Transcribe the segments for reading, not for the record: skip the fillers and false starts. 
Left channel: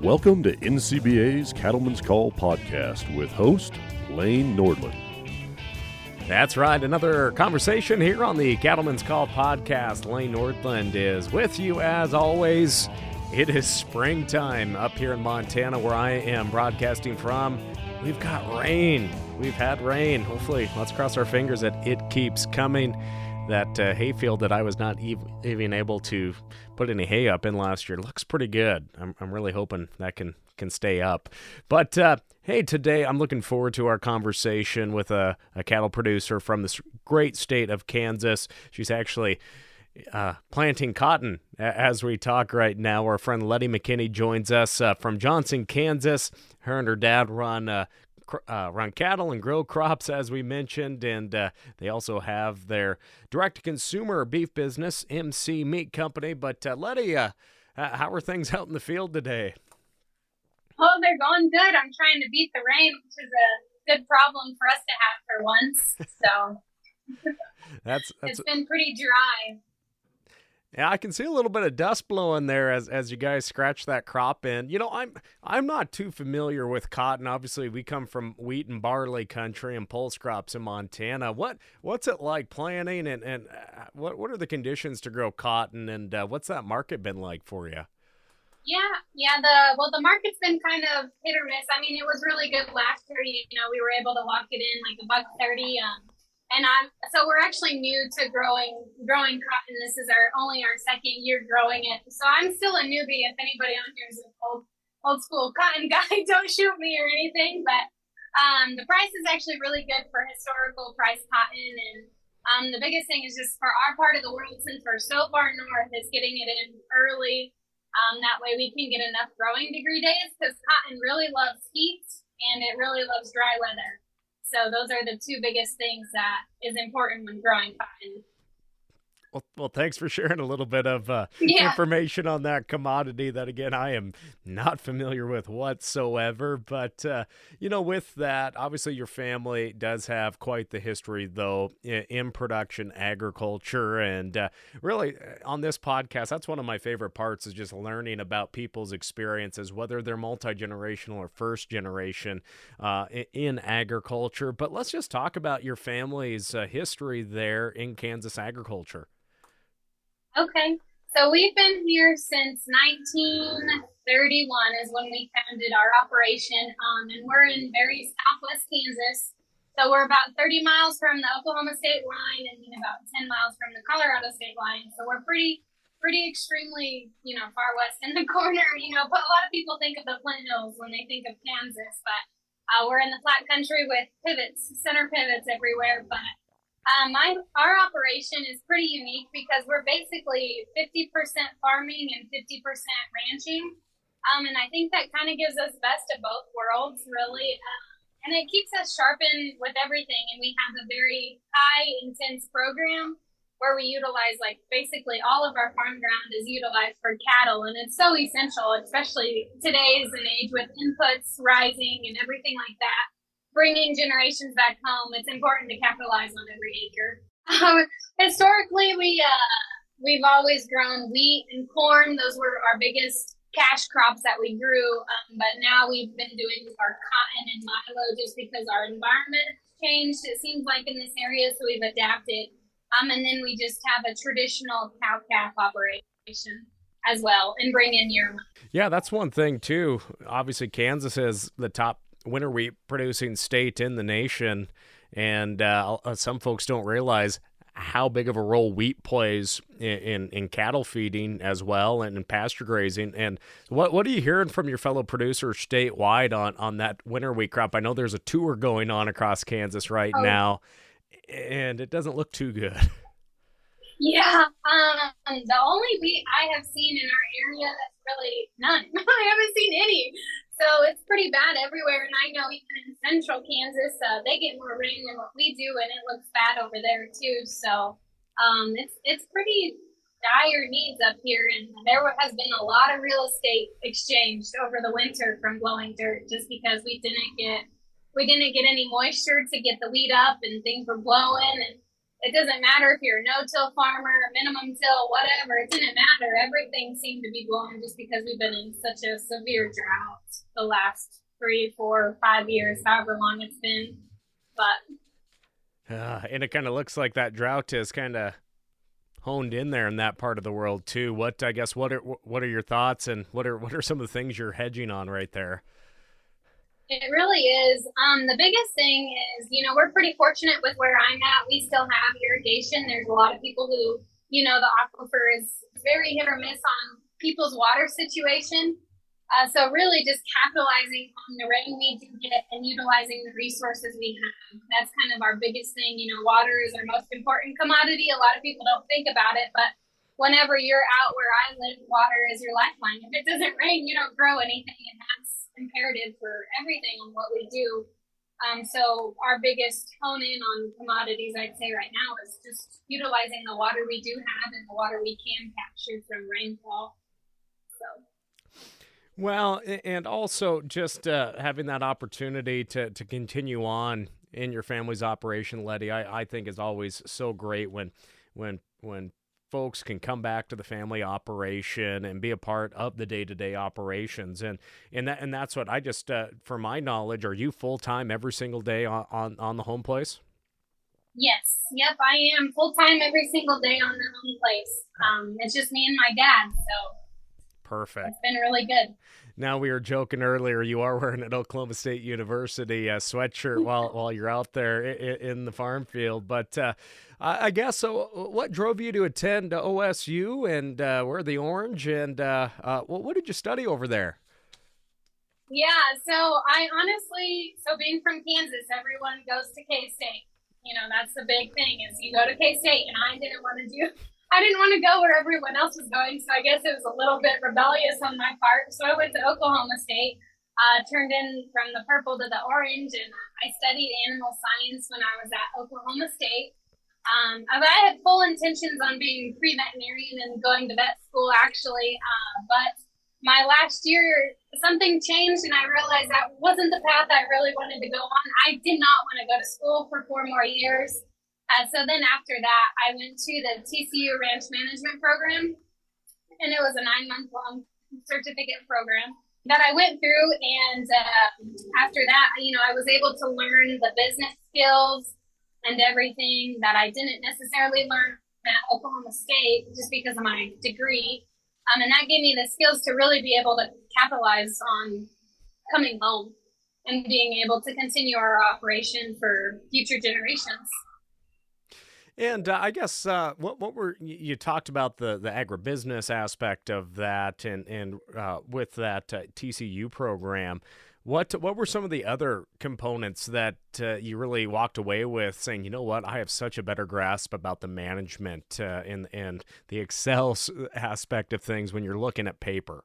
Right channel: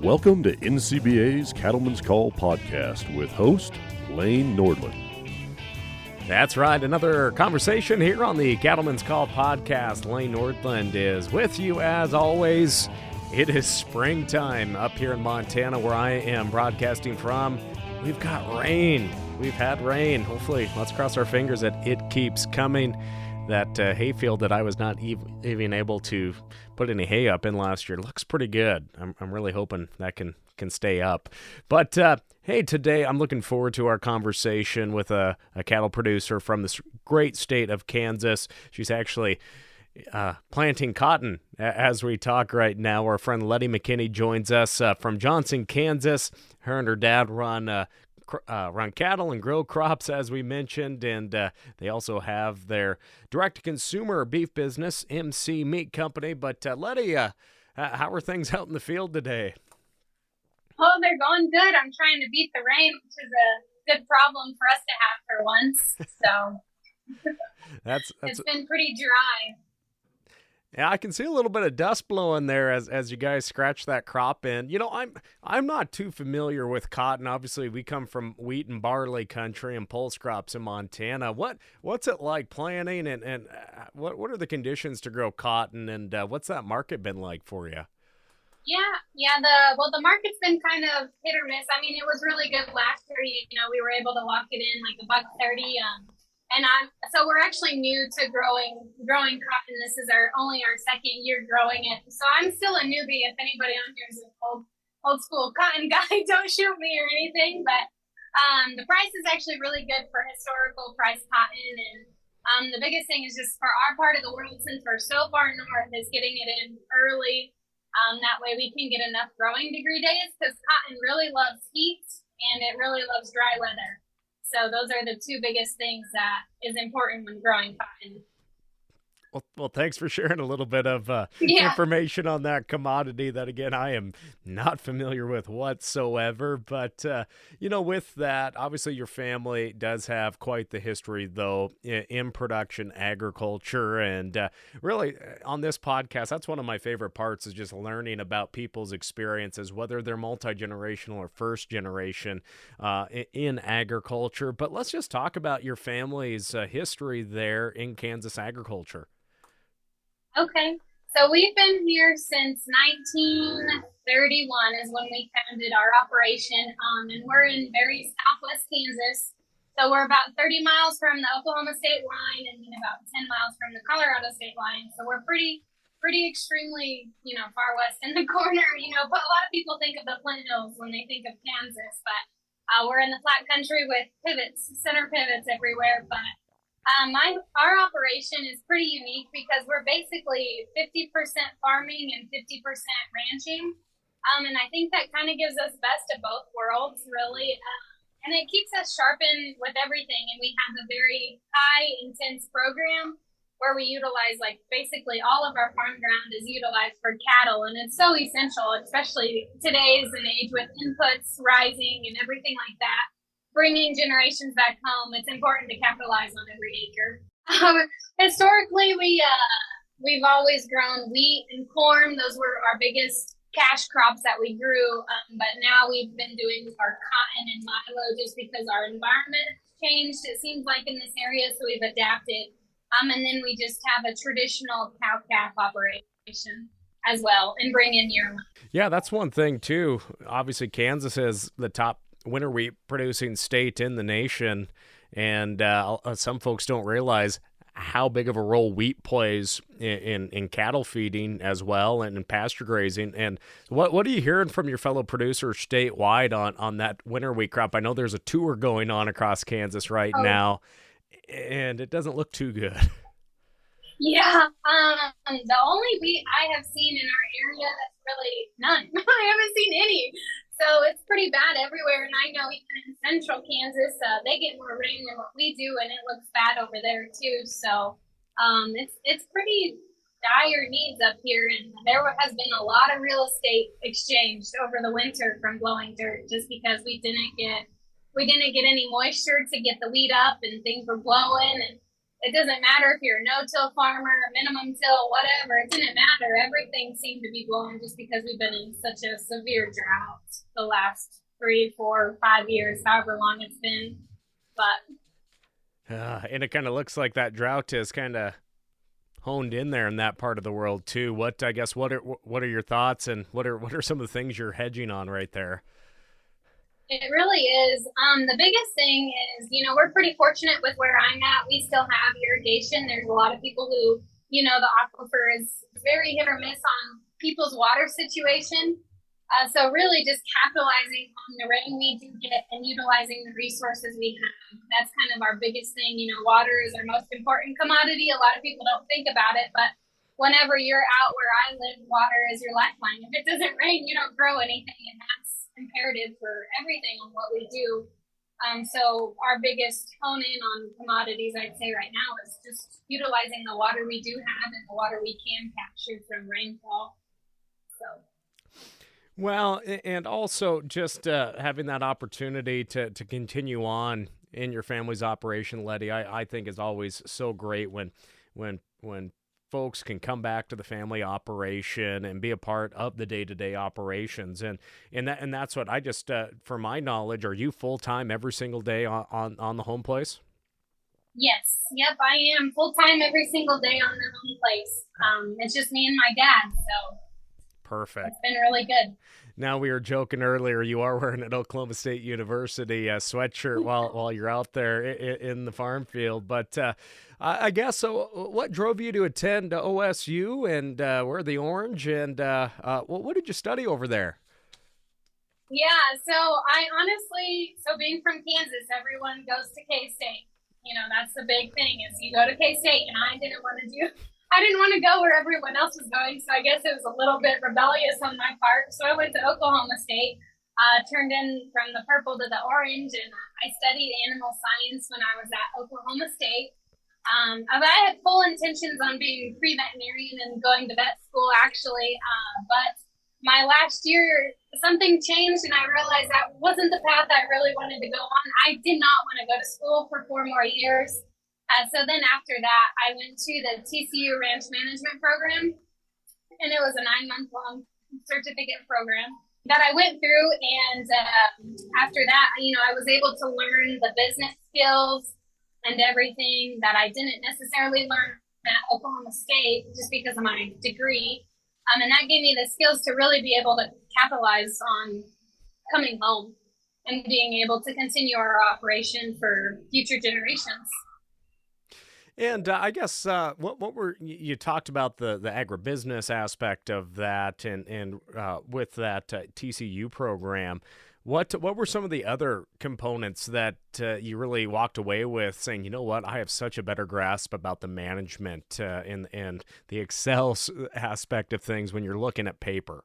Welcome to NCBA's Cattleman's Call podcast with host Lane Nordland. That's right. Another conversation here on the Cattleman's Call podcast. Lane Nordland is with you as always. It is springtime up here in Montana where I am broadcasting from. We've got rain. We've had rain. Hopefully, let's cross our fingers that it keeps coming. That hayfield that I was not even able to put any hay up in last year looks pretty good. I'm really hoping that can stay up. But hey, today I'm looking forward to our conversation with a cattle producer from this great state of Kansas. She's actually planting cotton as we talk right now. Our friend Lettie McKinney joins us from Johnson, Kansas. Her and her dad run cattle and grow crops, as we mentioned, and they also have their direct-to-consumer beef business, MC Meat Company. But Lettie, how are things out in the field today? Oh, they're going good. I'm trying to beat the rain, which is a good problem for us to have for once. So it's been pretty dry. Yeah, I can see a little bit of dust blowing there as you guys scratch that crop in. You know, I'm not too familiar with cotton. Obviously, we come from wheat and barley country and pulse crops in Montana. What's it like planting and what are the conditions to grow cotton, and what's that market been like for you? Yeah. The market's been kind of hit or miss. I mean, it was really good last year. You know, we were able to lock it in like $1.30. So we're actually new to growing cotton. This is only our second year growing it. So I'm still a newbie. If anybody on here is an old school cotton guy, don't shoot me or anything. But the price is actually really good for historical price cotton. And the biggest thing is just for our part of the world, since we're so far north, is getting it in early. That way we can get enough growing degree days, because cotton really loves heat and it really loves dry weather. So those are the two biggest things that is important when growing cotton. Well, thanks for sharing a little bit of information on that commodity that, again, I am not familiar with whatsoever. But, with that, obviously your family does have quite the history, though, in production agriculture. And really, on this podcast, that's one of my favorite parts, is just learning about people's experiences, whether they're multi-generational or first generation in agriculture. But let's just talk about your family's history there in Kansas agriculture. Okay, so we've been here since 1931 is when we founded our operation, and we're in very southwest Kansas. So we're about 30 miles from the Oklahoma state line and then about 10 miles from the Colorado state line. So we're pretty extremely, far west in the corner, but a lot of people think of the Flint Hills when they think of Kansas, but we're in the flat country with center pivots everywhere. But our operation is pretty unique because we're basically 50% farming and 50% ranching. And I think that kind of gives us best of both worlds, really. And it keeps us sharpened with everything. And we have a very high intense program where we utilize, basically all of our farm ground is utilized for cattle. And it's so essential, especially today's and age with inputs rising and everything like that. Bringing generations back home, it's important to capitalize on every acre. Historically, we've always grown wheat and corn. Those were our biggest cash crops that we grew. But now we've been doing our cotton and milo just because our environment changed, it seems like, in this area. So we've adapted. And then we just have a traditional cow-calf operation as well, and bring in yearling. Yeah, that's one thing too. Obviously, Kansas is the top winter wheat producing state in the nation, and some folks don't realize how big of a role wheat plays in cattle feeding as well, and in pasture grazing. And what are you hearing from your fellow producers statewide on that winter wheat crop? I know there's a tour going on across Kansas right now, and it doesn't look too good. Yeah, the only wheat I have seen in our area, that's really none. I haven't seen any. So it's pretty bad everywhere, and I know even in central Kansas, they get more rain than what we do, and it looks bad over there too. So it's pretty dire needs up here, and there has been a lot of real estate exchanged over the winter from blowing dirt, just because we didn't get any moisture to get the wheat up, and things were blowing, and it doesn't matter if you're a no-till farmer, a minimum till, whatever. It didn't matter. Everything seemed to be blowing just because we've been in such a severe drought the last 3, 4, 5 years, however long it's been. But and it kind of looks like that drought is kind of honed in there in that part of the world too. What are your thoughts, and what are some of the things you're hedging on right there? it really is. The biggest thing is, we're pretty fortunate with where I'm at. We still have irrigation. There's a lot of people who, the aquifer is very hit or miss on people's water situation. So really just capitalizing on the rain we do get and utilizing the resources we have. That's kind of our biggest thing. Water is our most important commodity. A lot of people don't think about it, but whenever you're out where I live, water is your lifeline. If it doesn't rain, you don't grow anything, and that's imperative for everything on what we do. So our biggest hone in on commodities, I'd say right now, is just utilizing the water we do have and the water we can capture from rainfall. So. Well, and also just having that opportunity to continue on in your family's operation, Lettie, I think is always so great when folks can come back to the family operation and be a part of the day-to-day operations. And that's what I just, for my knowledge, are you full-time every single day on the home place? Yes. Yep, I am full-time every single day on the home place. It's just me and my dad, so. Perfect. It's been really good. Now, we were joking earlier, you are wearing an Oklahoma State University sweatshirt while you're out there in the farm field. But I guess, so what drove you to attend OSU and wear the orange? And what did you study over there? Yeah, so I honestly, being from Kansas, everyone goes to K-State. That's the big thing is you go to K-State, and I didn't want to go where everyone else was going, so I guess it was a little bit rebellious on my part. So I went to Oklahoma State, turned in from the purple to the orange, and I studied animal science when I was at Oklahoma State. I had full intentions on being pre-veterinarian and going to vet school, actually, but my last year, something changed, and I realized that wasn't the path I really wanted to go on. I did not want to go to school for 4 more years. So then after that, I went to the TCU Ranch Management Program, and it was a 9-month-long certificate program that I went through. And after that, I was able to learn the business skills and everything that I didn't necessarily learn at Oklahoma State just because of my degree. And that gave me the skills to really be able to capitalize on coming home and being able to continue our operation for future generations. And I guess what were you talked about the agribusiness aspect of that, and with that TCU program, what were some of the other components that you really walked away with, saying, you know what, I have such a better grasp about the management and the Excel aspect of things when you're looking at paper?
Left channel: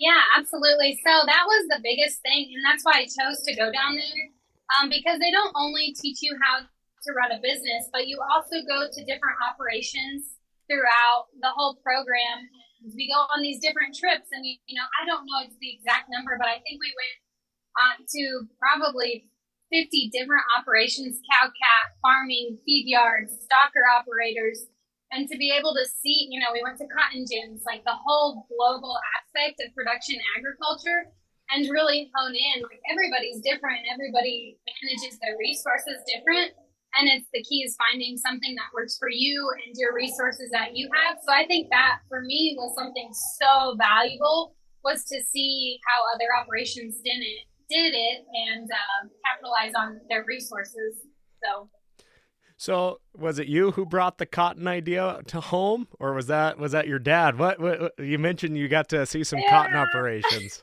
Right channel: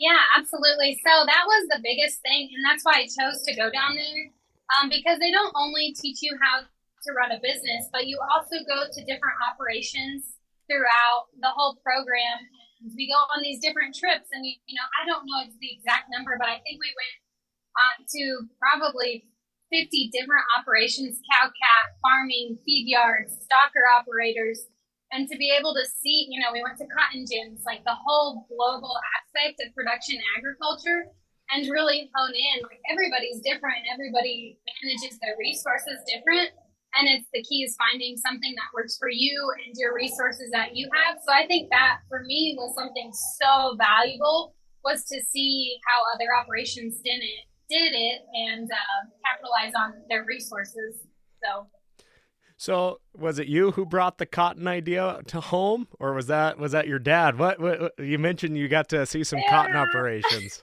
Yeah, absolutely. So that was the biggest thing, and that's why I chose to go down there, because they don't only teach you how to run a business, but you also go to different operations throughout the whole program. And we go on these different trips, and I don't know the exact number, but I think we went to probably 50 different operations: cow, calf, farming, feed yards, stocker operators. And to be able to see, we went to cotton gins, like the whole global aspect of production agriculture, and really hone in. Like, everybody's different, everybody manages their resources different. And it's the key is finding something that works for you and your resources that you have. So I think that for me was something so valuable, was to see how other operations did it and capitalize on their resources. So was it you who brought the cotton idea to home, or was that your dad? What you mentioned you got to see some cotton operations.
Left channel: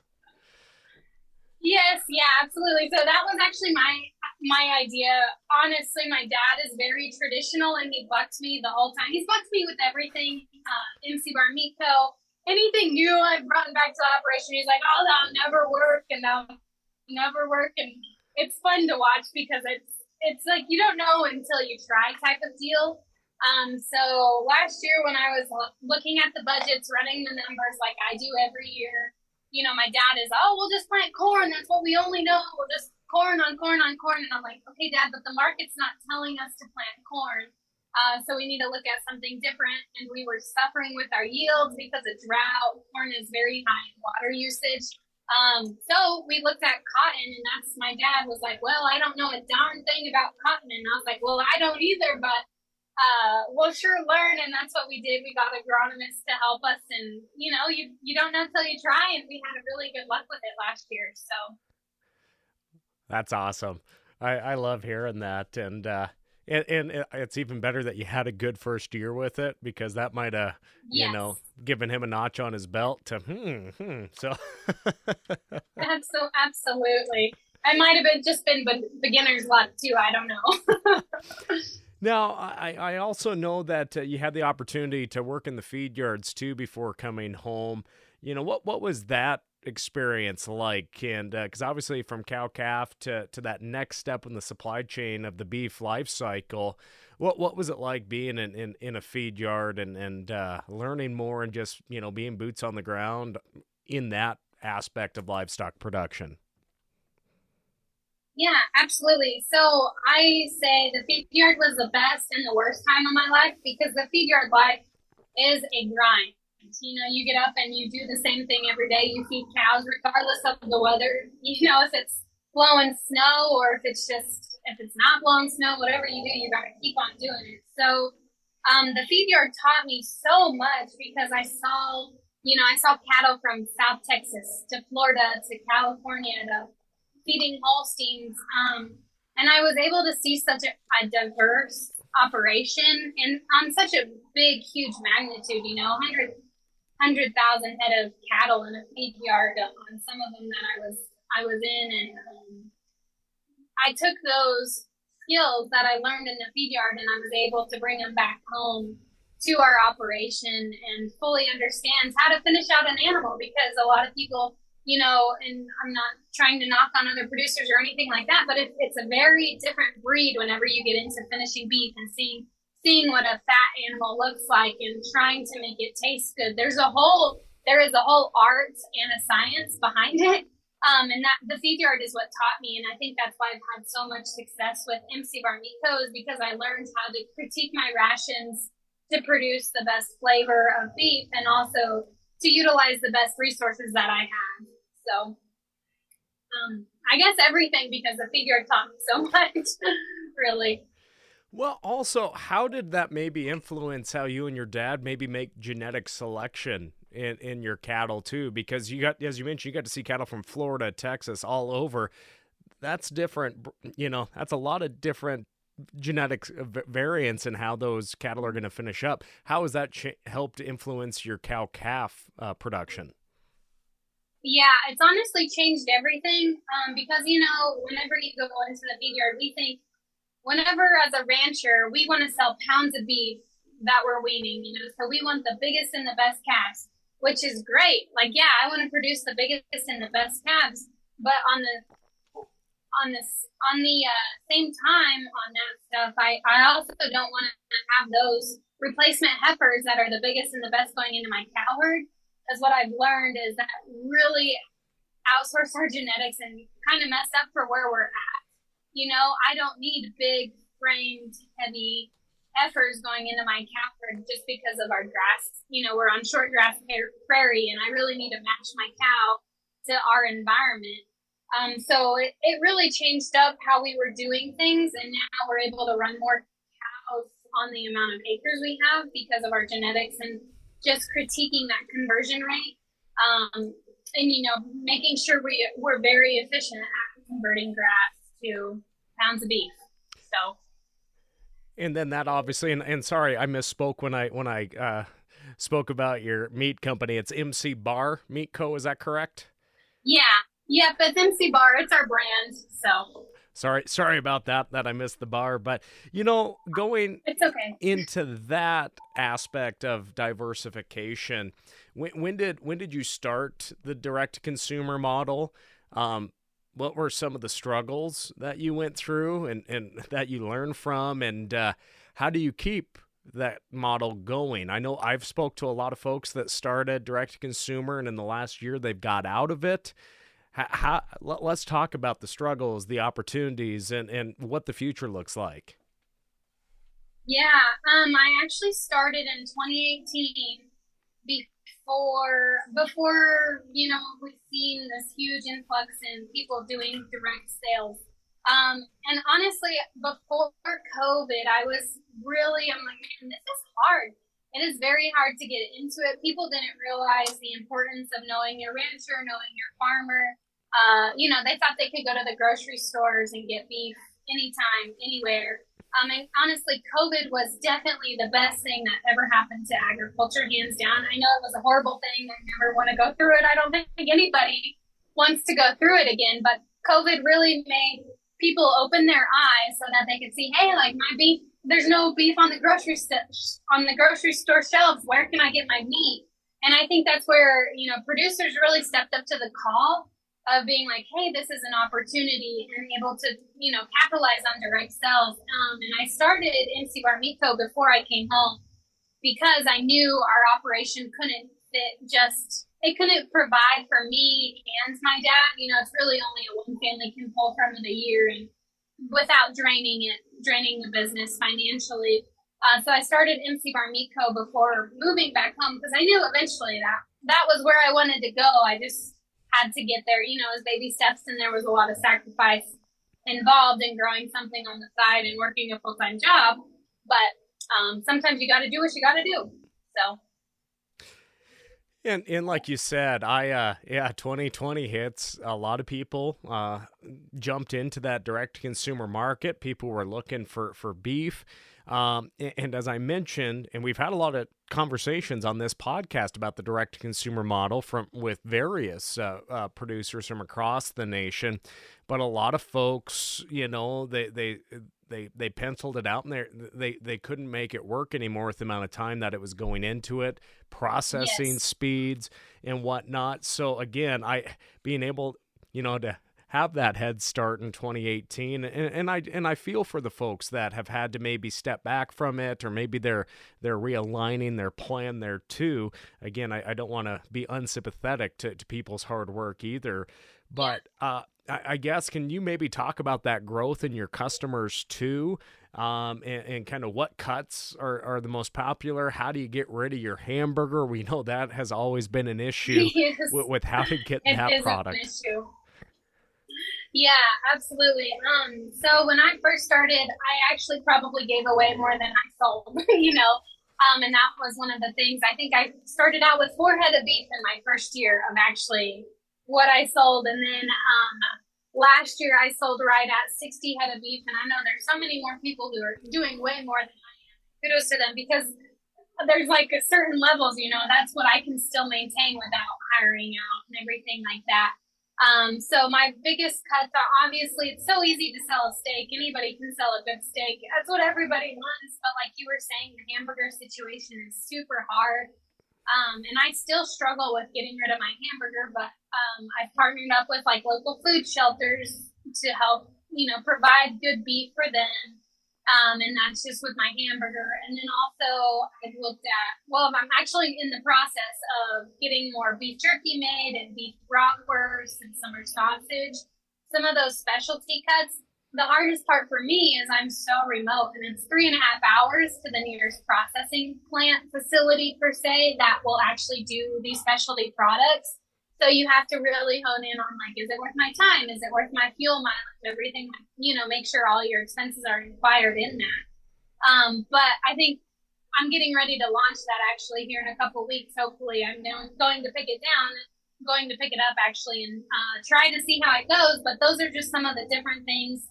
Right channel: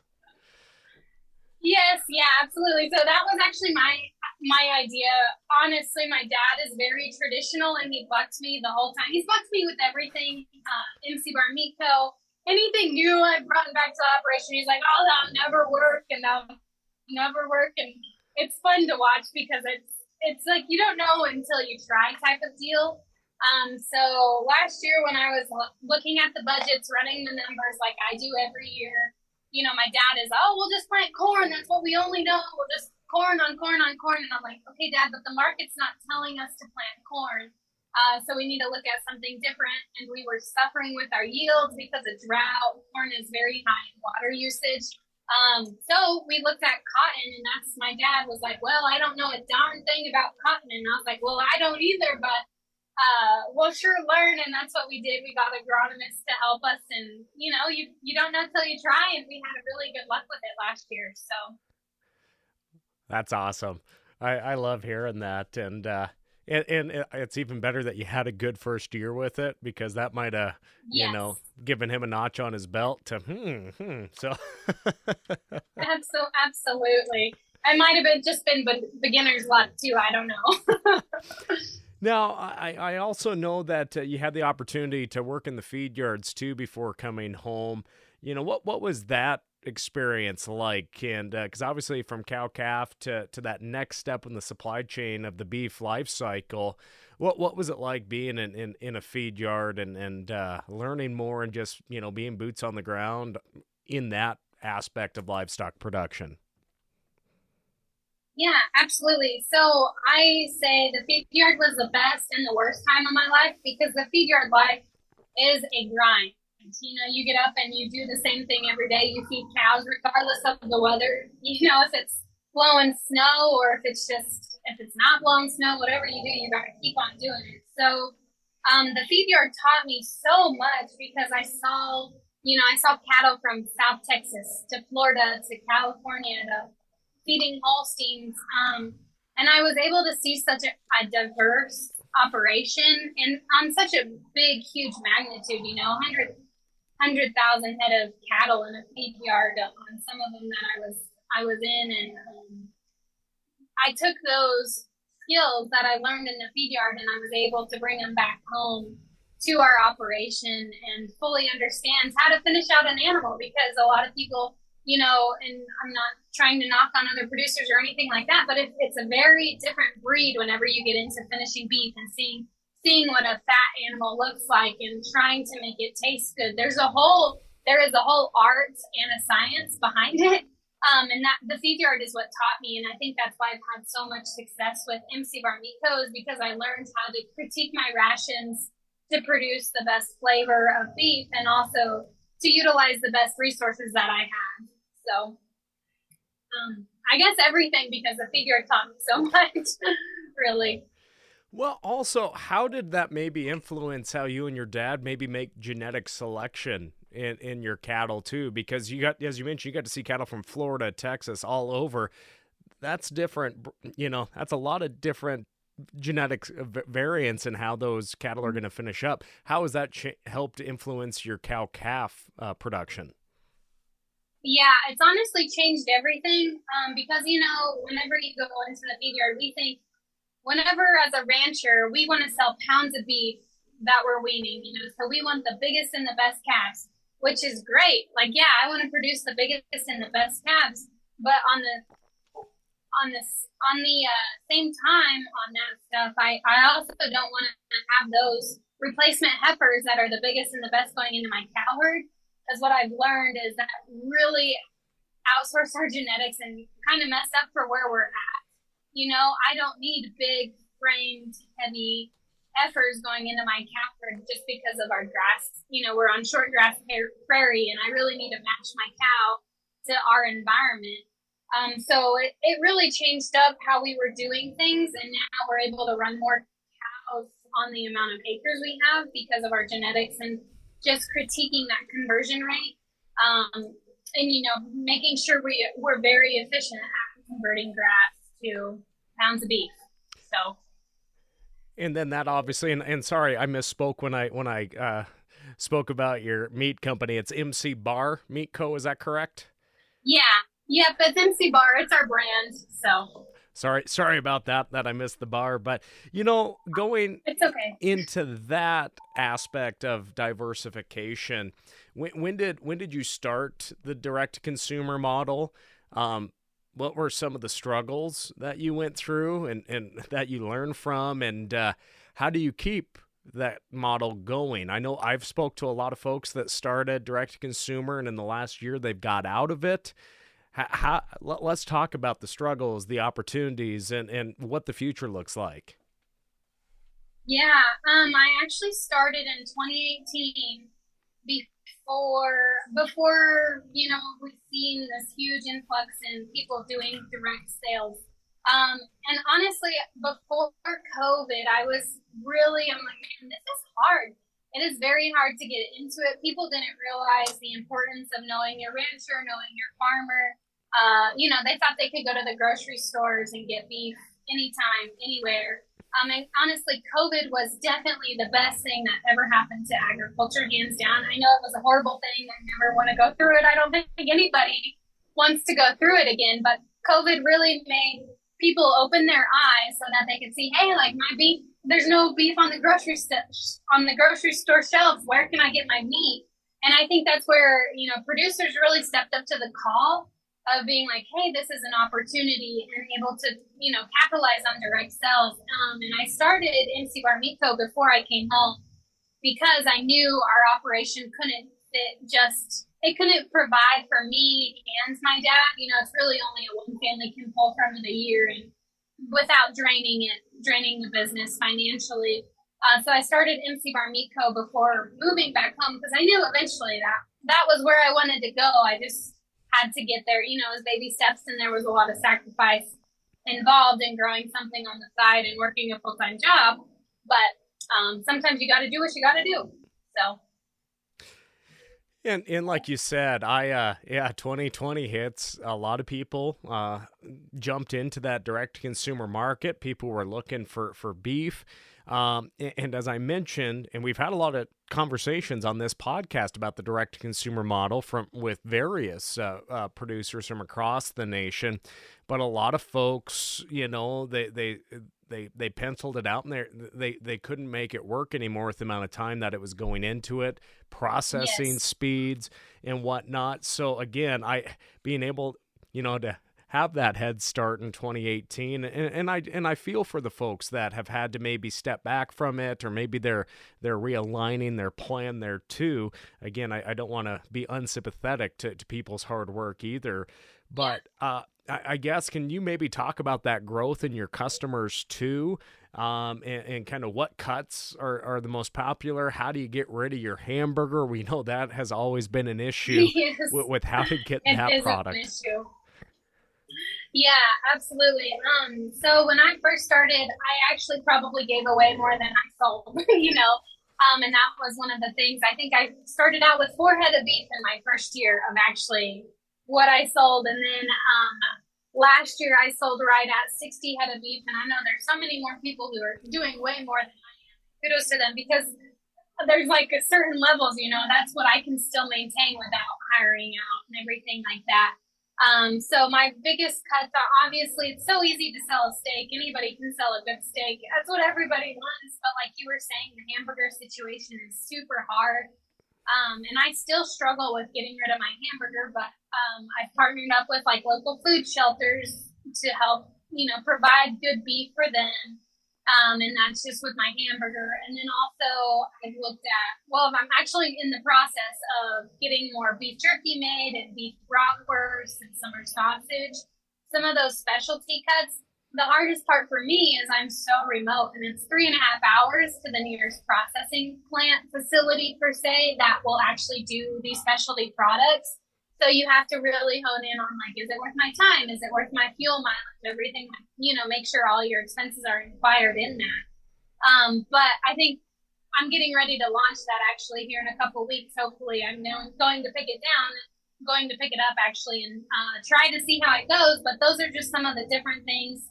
Yes, yeah, absolutely. So that was actually my idea. Honestly, my dad is very traditional, and he bucked me the whole time. He's bucked me with everything. MC Bar Meat Co. Anything new I've brought back to the operation, he's like, oh, that'll never work, and that'll never work. And it's fun to watch because it's like you don't know until you try type of deal. So last year when I was looking at the budgets, running the numbers like I do every year, my dad is, we'll just plant corn. That's what we only know. We'll just corn on corn on corn. And I'm like, okay, Dad, but the market's not telling us to plant corn. So we need to look at something different. And we were suffering with our yields because of drought. Corn is very high in water usage. So we looked at cotton, and that's, my dad was like, well, I don't know a darn thing about cotton. And I was like, well, I don't either, but we'll sure learn. And that's what we did. We got agronomists to help us. And, you know, you don't know till you try. And we had a really good luck with it last year. So That's awesome. I love hearing that. And it's even better that you had a good first year with it, because that might have, yes, given him a notch on his belt to, So absolutely. I might have just been beginner's luck too. I don't know. Now, I also know that you had the opportunity to work in the feed yards too before coming home. What was that experience like? And because obviously from cow-calf to that next step in the supply chain of the beef life cycle, what was it like being in a feed yard and learning more and just, being boots on the ground in that aspect of livestock production? Yeah, absolutely. So I say the feed yard was the best and the worst time of my life, because the feed yard life is a grind. You get up and you do the same thing every day. You feed cows regardless of the weather. If it's blowing snow or if it's not blowing snow, whatever you do, you got to keep on doing it. So the feed yard taught me so much, because I saw cattle from South Texas to Florida to California to feeding Holsteins. And I was able to see such a diverse operation and on such a big, huge magnitude, 100,000 head of cattle in a feed yard on some of them that I was in. And I took those skills that I learned in the feed yard and I was able to bring them back home to our operation and fully understand how to finish out an animal, because a lot of people, and I'm not trying to knock on other producers or anything like that, but it's a very different breed whenever you get into finishing beef and seeing what a fat animal looks like and trying to make it taste good. There is a whole art and a science behind it. And that the feed yard is what taught me. And I think that's why I've had so much success with MC Bar Meat Co., is because I learned how to critique my rations to produce the best flavor of beef and also to utilize the best resources that I have. So I guess everything, because the feed yard taught me so much, really. Well, also, how did that maybe influence how you and your dad maybe make genetic selection in your cattle too? Because as you mentioned, you got to see cattle from Florida, Texas, all over. That's different. That's a lot of different genetic variants in how those cattle are going to finish up. How has that helped influence your cow-calf production? Yeah, it's honestly changed everything, because, whenever you go into the feed yard, we think, whenever as a rancher, we want to sell pounds of beef that we're weaning, so we want the biggest and the best calves, which is great. Like, yeah, I want to produce the biggest and the best calves, but on the same time on that stuff, I also don't want to have those replacement heifers that are the biggest and the best going into my cow herd. Because what I've learned is that really outsource our genetics and kind of mess up for where we're at. I don't need big framed, heavy heifers going into my cow herd just because of our grass. We're on short grass prairie, and I really need to match my cow to our environment. So it really changed up how we were doing things, and now we're able to run more cows on the amount of acres we have because of our genetics and just critiquing that conversion rate, and making sure we're very efficient at converting grass to pounds of beef. So, and then that obviously, and sorry, I misspoke when I spoke about your meat company. It's MC Bar Meat Co. Is that correct? Yeah, but it's MC Bar. It's our brand. So. Sorry about that I missed the bar, but going it's okay. into that aspect of diversification, when did you start the direct to consumer model? What were some of the struggles that you went through and that you learned from, and how do you keep that model going? I know I've spoke to a lot of folks that started direct to consumer, and in the last year they've got out of it. Let's talk about the struggles, the opportunities, and what the future looks like. Yeah, I actually started in 2018 before we've seen this huge influx in people doing direct sales. And honestly, before COVID, I'm like, man, this is hard. It is very hard to get into it. People didn't realize the importance of knowing your rancher, knowing your farmer. They thought they could go to the grocery stores and get beef anytime, anywhere. And honestly, COVID was definitely the best thing that ever happened to agriculture, hands down. I know it was a horrible thing. I never want to go through it. I don't think anybody wants to go through it again. But COVID really made people open their eyes so that they could see, hey, like my beef, there's no beef on the grocery store shelves. Where can I get my meat? And I think that's where producers really stepped up to the call of being like, hey, this is an opportunity, and able to, capitalize on direct sales. And I started MC Bar Meat Co. before I came home because I knew our operation couldn't it couldn't provide for me and my dad. It's really only a one family can pull from in a year, and without draining the business financially. So I started MC Bar Meat Co. before moving back home because I knew eventually that was where I wanted to go. I just had to get there, as baby steps, and there was a lot of sacrifice involved in growing something on the side and working a full-time job. But sometimes you got to do what you got to do. So. And like you said, 2020 hits. A lot of people jumped into that direct-to-consumer market. People were looking for beef. And as I mentioned, and we've had a lot of conversations on this podcast about the direct-to-consumer model with various producers from across the nation, but a lot of folks, they penciled it out, and they couldn't make it work anymore with the amount of time that it was going into it, processing speeds and whatnot. So again, being able, to have that head start in 2018, and I feel for the folks that have had to maybe step back from it, or maybe they're realigning their plan there too. Again, I don't want to be unsympathetic to people's hard work either, but I guess, can you maybe talk about that growth in your customers too, and kind of what cuts are the most popular? How do you get rid of your hamburger? We know that has always been an issue with how to get that product. An issue. Yeah, absolutely. So when I first started, I actually probably gave away more than I sold, and that was one of the things. I think I started out with 4 head of beef in my first year of actually what I sold. And then last year I sold right at 60 head of beef. And I know there's so many more people who are doing way more than I am. Kudos to them, because there's like a certain levels, that's what I can still maintain without hiring out and everything like that. So my biggest cuts are, obviously, it's so easy to sell a steak. Anybody can sell a good steak. That's what everybody wants. But like you were saying, the hamburger situation is super hard. And I still struggle with getting rid of my hamburger, but I've partnered up with like local food shelters to help, provide good beef for them. And that's just with my hamburger. And then also I've looked at, I'm actually in the process of getting more beef jerky made and beef bratwurst and summer sausage, some of those specialty cuts. The hardest part for me is I'm so remote, and it's 3.5 hours to the nearest processing plant facility per se that will actually do these specialty products. So you have to really hone in on, like, is it worth my time? Is it worth my fuel mileage? Everything, make sure all your expenses are inquired in that. But I think I'm getting ready to launch that actually here in a couple of weeks. Hopefully I'm going to pick it down, going to pick it up actually, and try to see how it goes. But those are just some of the different things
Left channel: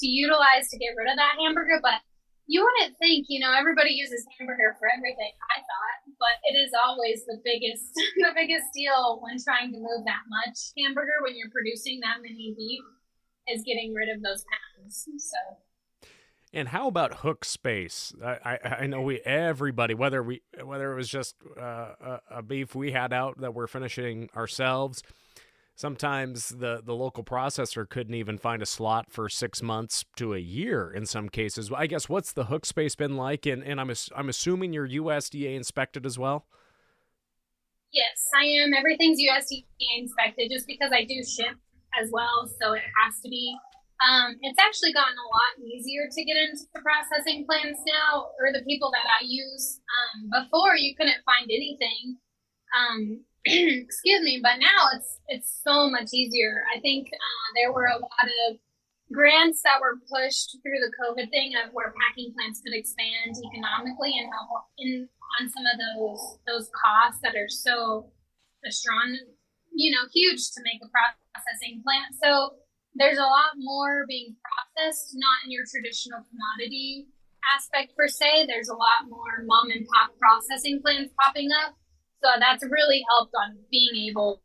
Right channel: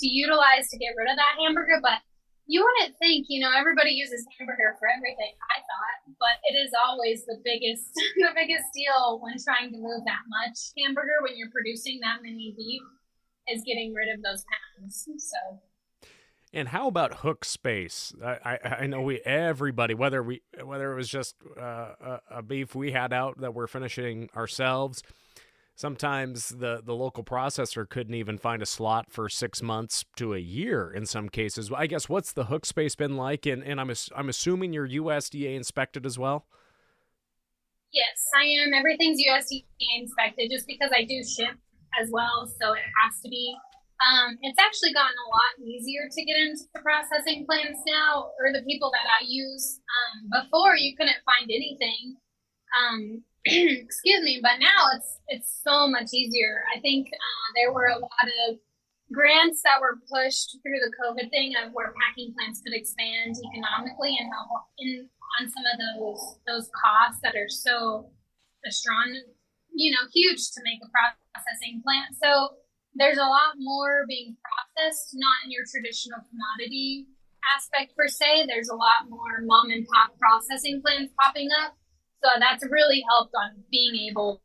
to utilize to get rid of that hamburger. But you wouldn't think, everybody uses hamburger for everything, I thought, but it is always the biggest deal when trying to move that much hamburger, when you're producing that many beef, is getting rid of those pounds. So. And how about hook space? I know everybody, whether it was just a beef we had out that we're finishing ourselves, sometimes the local processor couldn't even find a slot for 6 months to a year in some cases. I guess, what's the hook space been like? And I'm assuming you're USDA inspected as well? Yes, I am. Everything's USDA inspected just because I do ship as well, so it has to be. It's actually gotten a lot easier to get into the processing plants now, or the people that I use. Before you couldn't find anything. Excuse me, but now it's so much easier. I think there were a lot of grants that were pushed through the COVID thing of where packing plants could expand economically and help in on some of those costs that are so strong, huge to make a processing plant. So there's a lot more being processed, not in your traditional commodity aspect per se. There's a lot more mom and pop processing plants popping up. So that's really helped on being able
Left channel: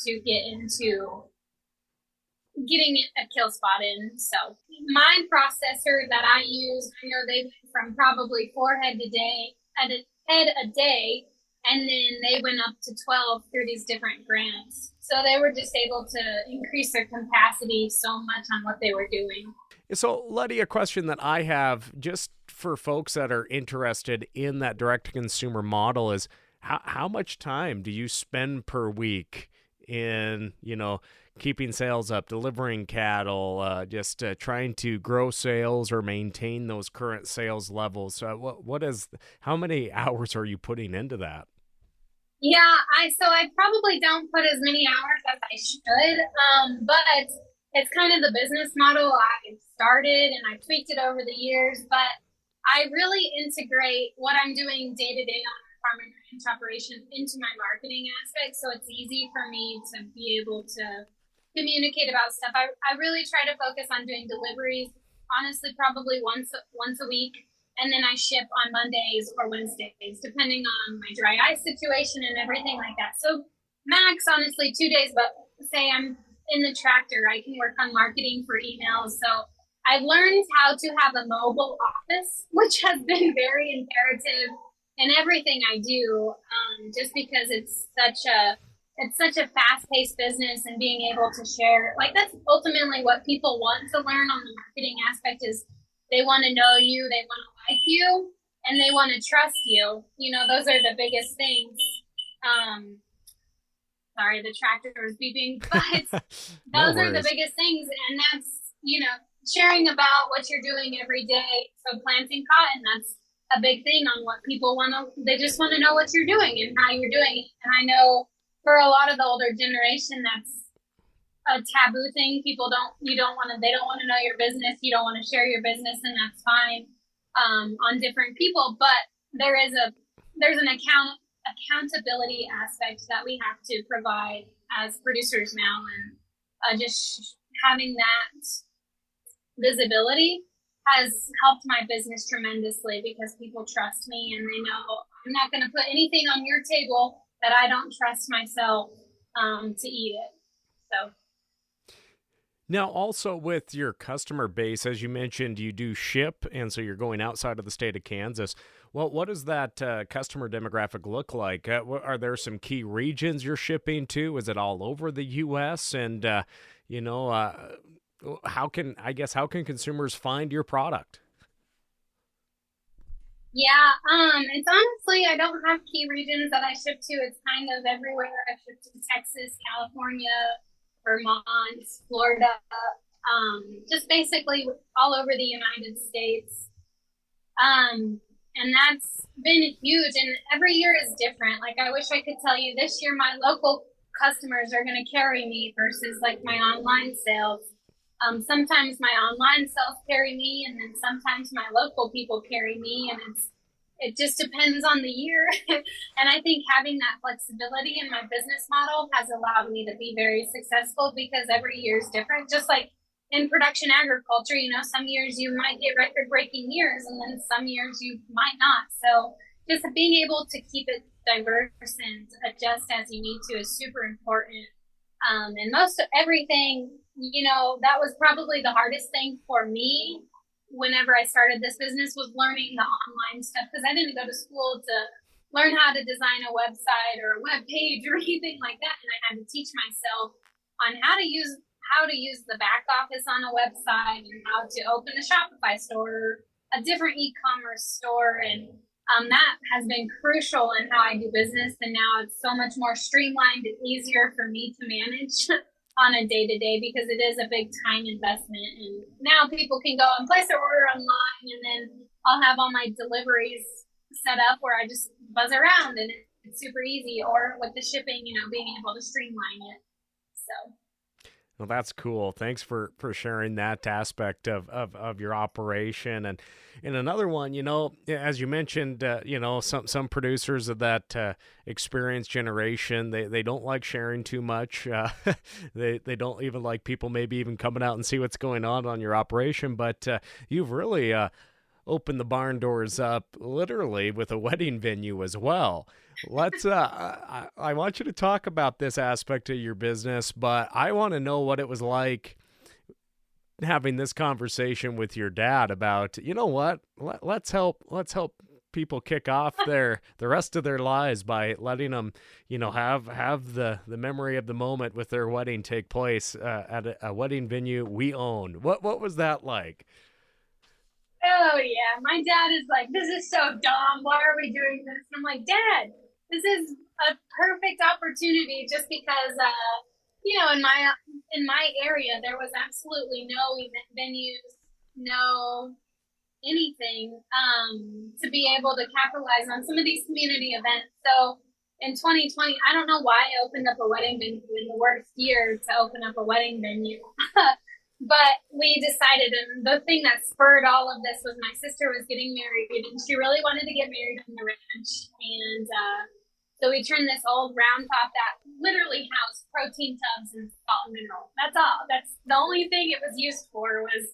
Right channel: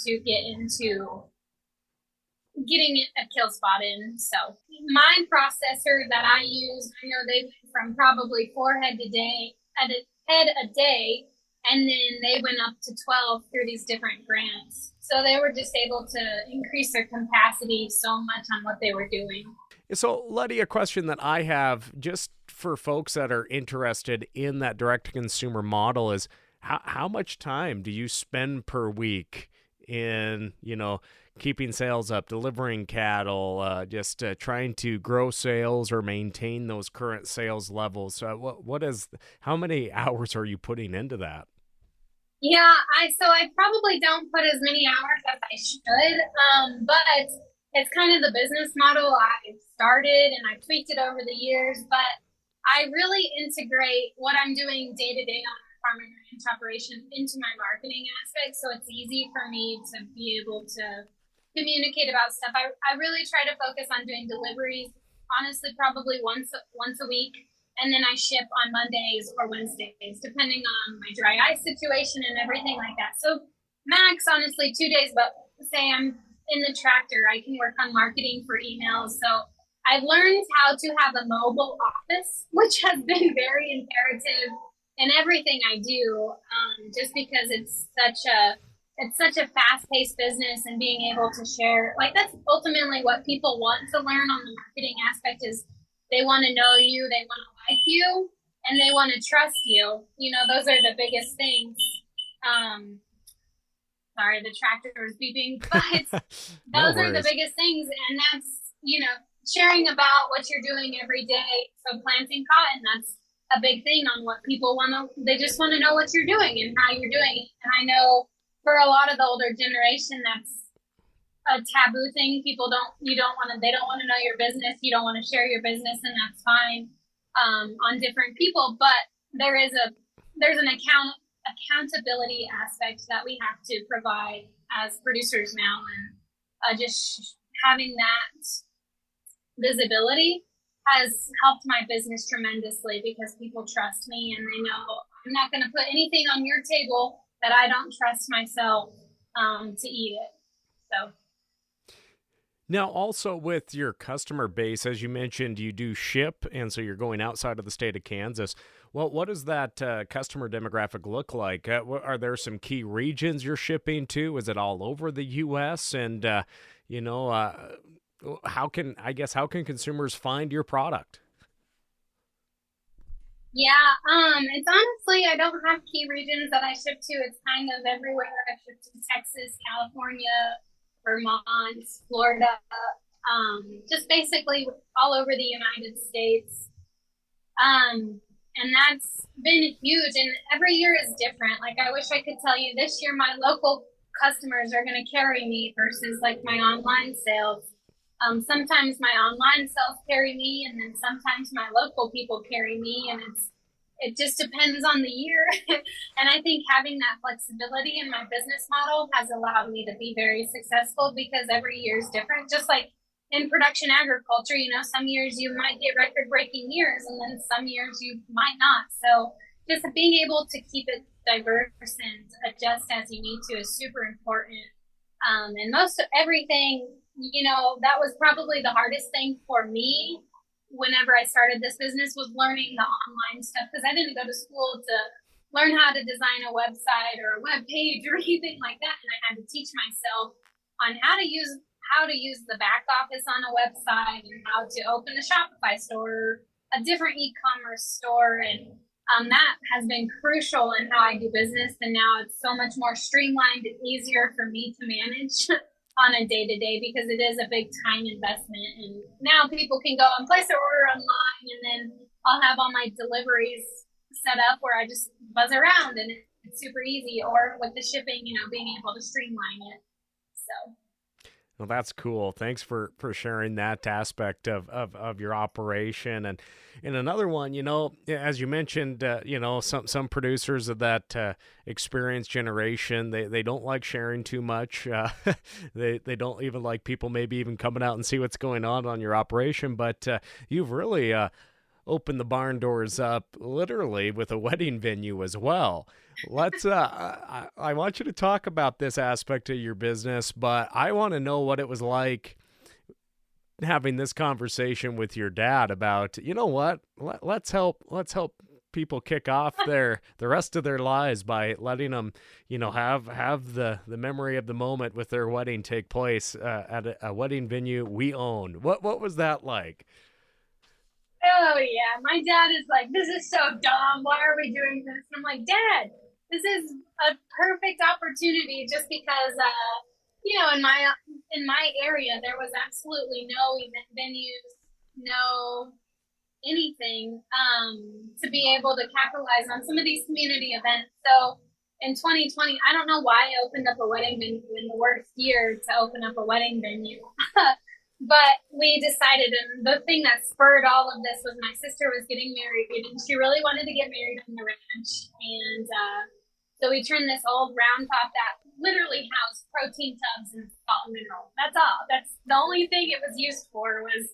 to get into getting a kill spot in. So my processor that I use, I know they went from probably 4 head a day, and then they went up to 12 through these different grants. So they were just able to increase their capacity so much on what they were doing. So, Lettie, a question that I have just for folks that are interested in that direct-to-consumer model is how much time do you spend per week in, keeping sales up, delivering cattle, just trying to grow sales or maintain those current sales levels? How many hours are you putting into that? Yeah, I probably don't put as many hours as I should, but it's kind of the business model I started and I tweaked it over the years. But I really integrate what I'm doing day to day on farm and ranch operation into my marketing aspect, so it's easy for me to be able to communicate about stuff. I really try to focus on doing deliveries, honestly, probably once a week, and then I ship on Mondays or Wednesdays, depending on my dry ice situation and everything like that. So max, honestly, 2 days, but say I'm in the tractor, I can work on marketing for emails. So I've learned how to have a mobile office, which has been very imperative in everything I do, just because it's such a fast-paced business, and being able to share, like, that's ultimately what people want to learn on the marketing aspect is they want to know you, they want to like you, and they want to trust you. Those are the biggest things. Sorry, the tractor was beeping, but No those are the worries. biggest things, and that's, sharing about what you're doing every day. So planting cotton, that's a big thing on what people they just want to know what you're doing and how you're doing it. And I know for a lot of the older generation, that's a taboo thing. They don't want to know your business. You don't want to share your business, and that's fine, on different people. But there's an accountability aspect that we have to provide as producers now. And just having that visibility has helped my business tremendously, because people trust me and they know I'm not going to put anything on your table that I don't trust myself to eat it. So. Now, also with your customer base, as you mentioned, you do ship, and so you're going outside of the state of Kansas. Well, what does that customer demographic look like? Are there some key regions you're shipping to? Is it all over the U.S.? And, how can consumers find your product? Yeah, it's honestly, I don't have key regions that I ship to. It's kind of everywhere. I ship to Texas, California, Vermont, Florida, just basically all over the United States. And that's been huge. And every year is different. Like, I wish I could tell you this year my local customers are going to carry me versus like my online sales. Sometimes my online sales carry me, and then sometimes my local people carry me, and it just depends on the year. And I think having that flexibility in my business model has allowed me to be very successful, because every year is different. Just like in production agriculture, some years you might get record-breaking years, and then some years you might not. So just being able to keep it diverse and adjust as you need to is super important. And most of everything, that was probably the hardest thing for me whenever I started this business, was learning the online stuff, because I didn't go to school to learn how to design a website or a web page or anything like that. And I had to teach myself on how to use the back office on a website, and how to open a Shopify store, a different e-commerce store, and That has been crucial in how I do business. And now it's so much more streamlined and easier for me to manage on a day to day because it is a big time investment. And now people can go and place their order online, and then I'll have all my deliveries set up where I just buzz around and it's super easy. Or with the shipping, being able to streamline it. So. Well, that's cool. Thanks for sharing that aspect of your operation. And in another one, as you mentioned, some producers of that experienced generation, they don't like sharing too much. They don't even like people maybe even coming out and see what's going on your operation. But you've really opened the barn doors up literally with a wedding venue as well. Let's I want you to talk about this aspect of your business, but I want to know what it was like having this conversation with your dad about, let's help people kick off the rest of their lives by letting them, have the memory of the moment with their wedding take place at a wedding venue we own. What was that like? Oh yeah, my dad is like, this is so dumb. Why are we doing this? And I'm like, Dad, this is a perfect opportunity just because, in my area, there was absolutely no event venues, no anything, to be able to capitalize on some of these community events. So in 2020, I don't know why I opened up a wedding venue in the worst year to open up a wedding venue. But we decided, and the thing that spurred all of this was my sister was getting married, and she really wanted to get married on the ranch. And so we turned this old round top that literally housed protein tubs and salt and mineral. That's all. That's the only thing it was used for was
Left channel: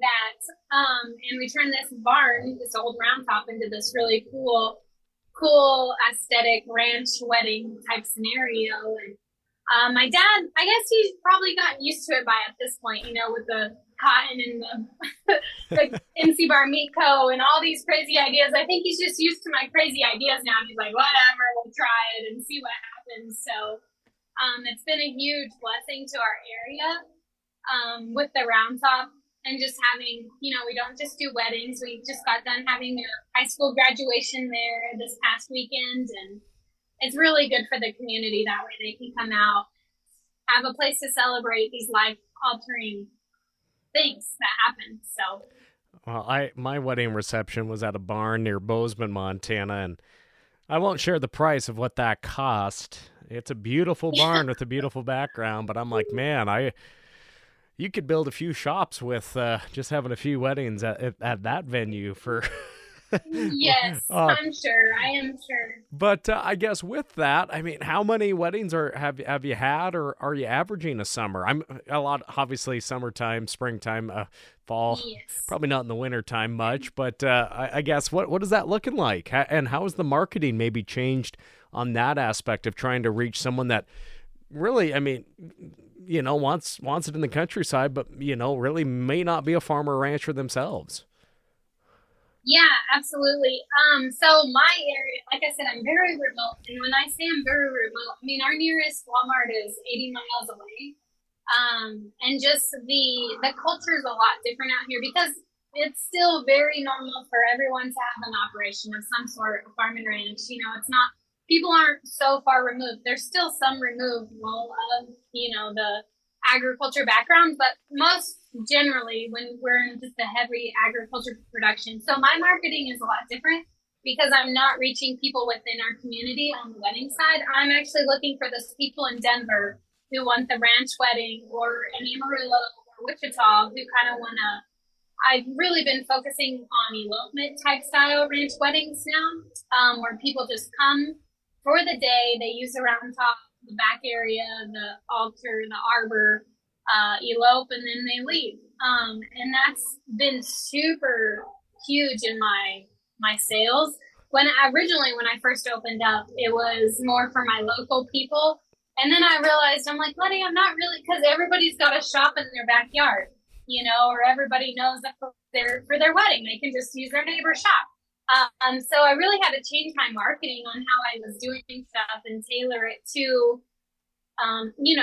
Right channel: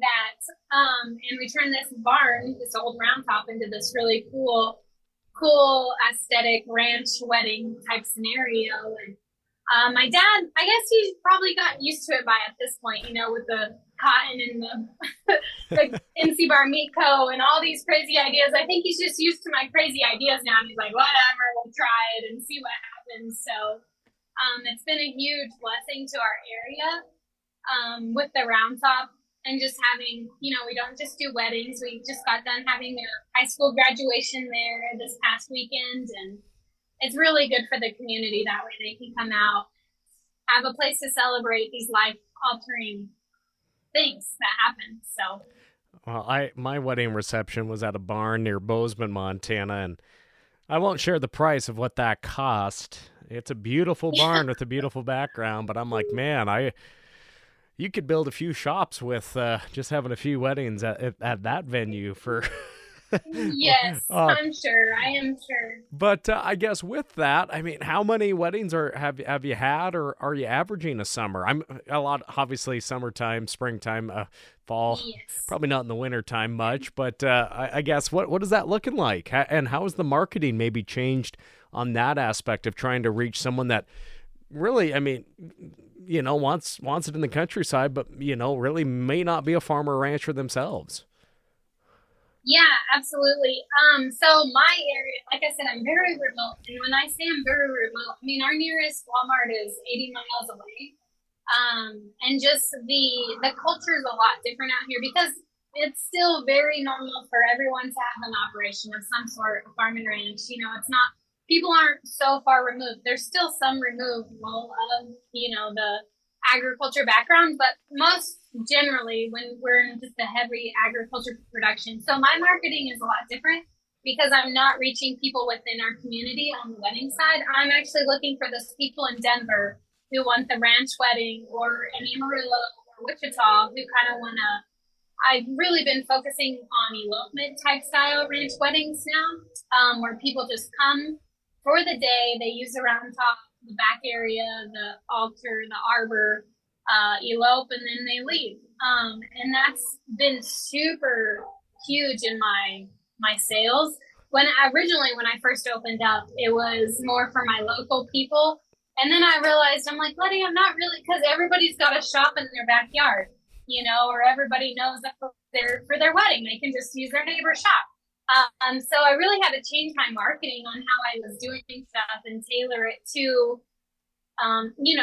that. And we turned this barn, this old round top, into this really cool aesthetic ranch wedding type scenario. And my dad, I guess he's probably gotten used to it by at this point, with the cotton and the MC Bar Meat Co. and all these crazy ideas. I think he's just used to my crazy ideas now. And he's like, whatever, we'll try it and see what happens. So it's been a huge blessing to our area with the round top and just having, we don't just do weddings. We just got done having a high school graduation there this past weekend, and it's really good for the community. That way they can come out, have a place to celebrate these life-altering things that happen. So, well, my wedding reception was at a barn near Bozeman, Montana, and I won't share the price of what that cost. It's a beautiful barn with a beautiful background, but I'm like, man, you could build a few shops with just having a few weddings at that venue for... Yes, I'm sure. I am sure. But I guess with that, I mean, how many weddings have you had, or are you averaging a summer? I'm a lot, obviously, summertime, springtime, fall. Yes. Probably not in the wintertime much, but I guess what is that looking like? And how has the marketing maybe changed on that aspect of trying to reach someone that really, I mean, wants it in the countryside, but really may not be a farmer or rancher themselves? Yeah, absolutely. So my area, like I said, I'm very remote. And when I say I'm very remote, I mean, our nearest Walmart is 80 miles away. And just the culture is a lot different out here because it's still very normal for everyone to have an operation of some sort, a farm and ranch. It's not, people aren't so far removed. There's still some removal of, the agriculture background, but most generally when we're in just a heavy agriculture production. So my marketing is a lot different because I'm not reaching people within our community on the wedding side. I'm actually looking for those people in Denver who want the ranch wedding, or in Amarillo or Wichita who kind of want to. I've really been focusing on elopement type style ranch weddings now, where people just come for the day. They use the round top, the back area, the altar, the arbor, elope, and then they leave. And that's been super huge in my sales. When I first opened up, it was more for my local people. And then I realized, I'm like, Lettie, I'm not really, because everybody's got a shop in their backyard, or everybody knows that for their wedding, they can just use their neighbor's shop. So I really had to change my marketing on how I was doing stuff and tailor it to,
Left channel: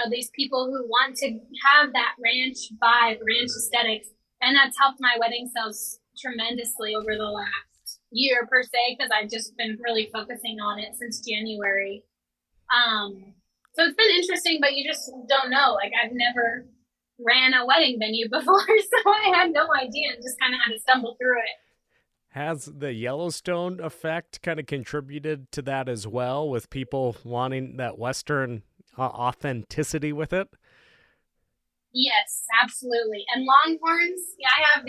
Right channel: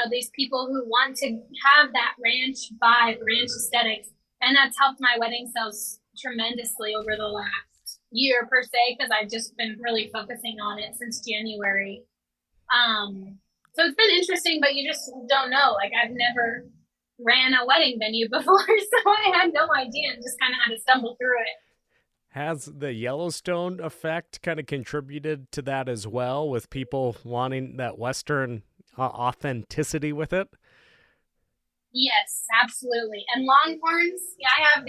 these people who want to have that ranch vibe, ranch aesthetics. And that's helped my wedding sales tremendously over the last, year per se, because I've just been really focusing on it since January. So it's been interesting, but you just don't know. Like, I've never ran a wedding venue before, so I had no idea and just kind of had to stumble through it. Has the Yellowstone effect kind of contributed to that as well, with people wanting that Western authenticity with it? Yes, absolutely. And longhorns, yeah, I have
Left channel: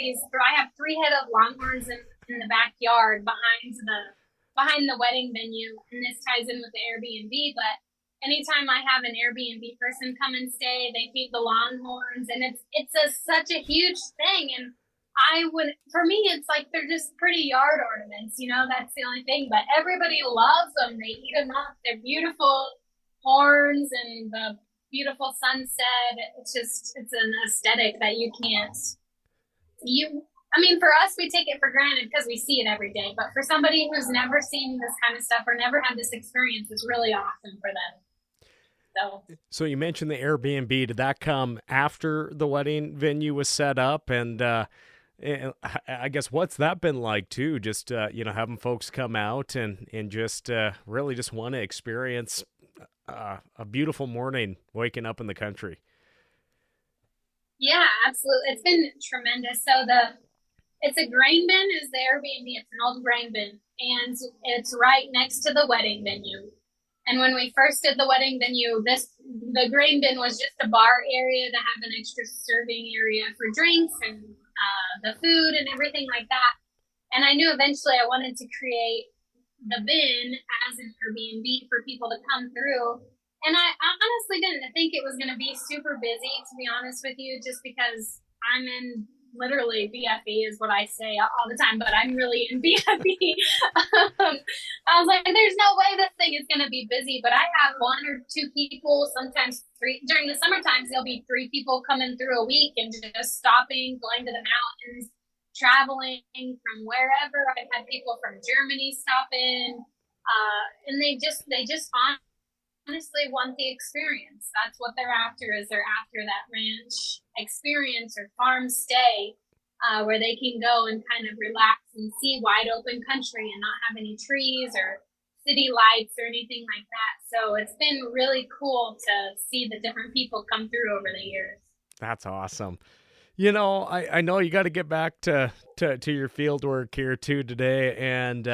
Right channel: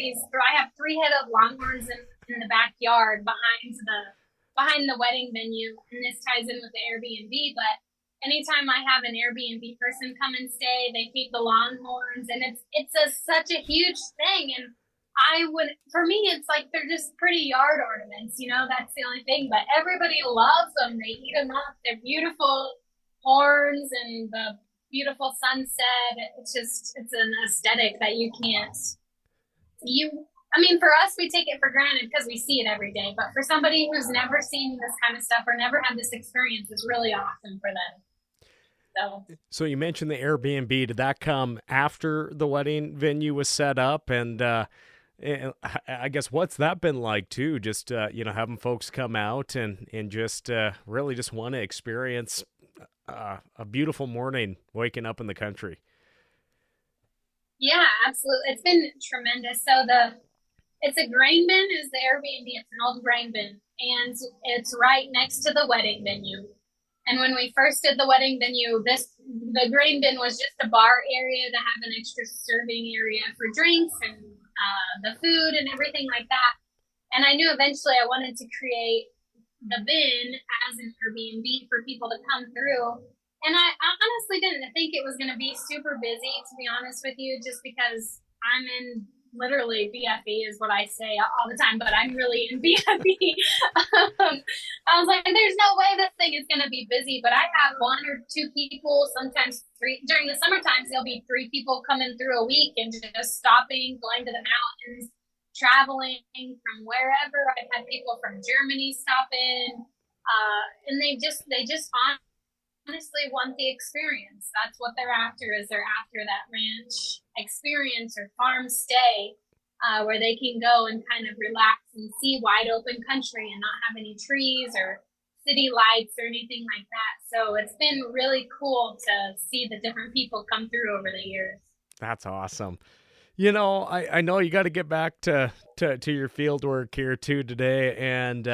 three-headed longhorns in the backyard behind the wedding venue, and this ties in with the Airbnb, but anytime I have an Airbnb person come and stay, they feed the longhorns, and such a huge thing. And for me, it's like they're just pretty yard ornaments, that's the only thing, but everybody loves them. They eat them up. They're beautiful horns and the beautiful sunset. It's an aesthetic that for us, we take it for granted because we see it every day. But for somebody who's never seen this kind of stuff or never had this experience, it's really awesome for them. So you mentioned the Airbnb. Did that come after the wedding venue was set up? And I guess what's that been like too? Just having folks come out and just really just want to experience a beautiful morning waking up in the country. Yeah, absolutely. It's been tremendous. So it's a grain bin is the Airbnb. It's an old grain bin, and it's right next to the wedding venue. And when we first did the wedding venue, the grain bin was just a bar area to have an extra serving area for drinks and the food and everything like that. And I knew eventually I wanted to create the bin as an Airbnb for people to come through. And I honestly didn't think it was going to be super busy, to be honest with you, just because I'm in literally BFE is what I say all the time, but I'm really in BFE. I was like, there's no way this thing is going to be busy, but I have one or two people, sometimes three. During the summer times, there'll be 3 people coming through a week and just stopping, going to the mountains, traveling from wherever. I've had people from Germany stop in, and they just honestly want the experience. That's what they're after. They're after that ranch experience or farm stay, where they can go and kind of relax and see wide open country and not have any trees or city lights or anything like that. So it's been really cool to see the different people come through over the years. That's awesome. I know you got to get back to your field work here too today, and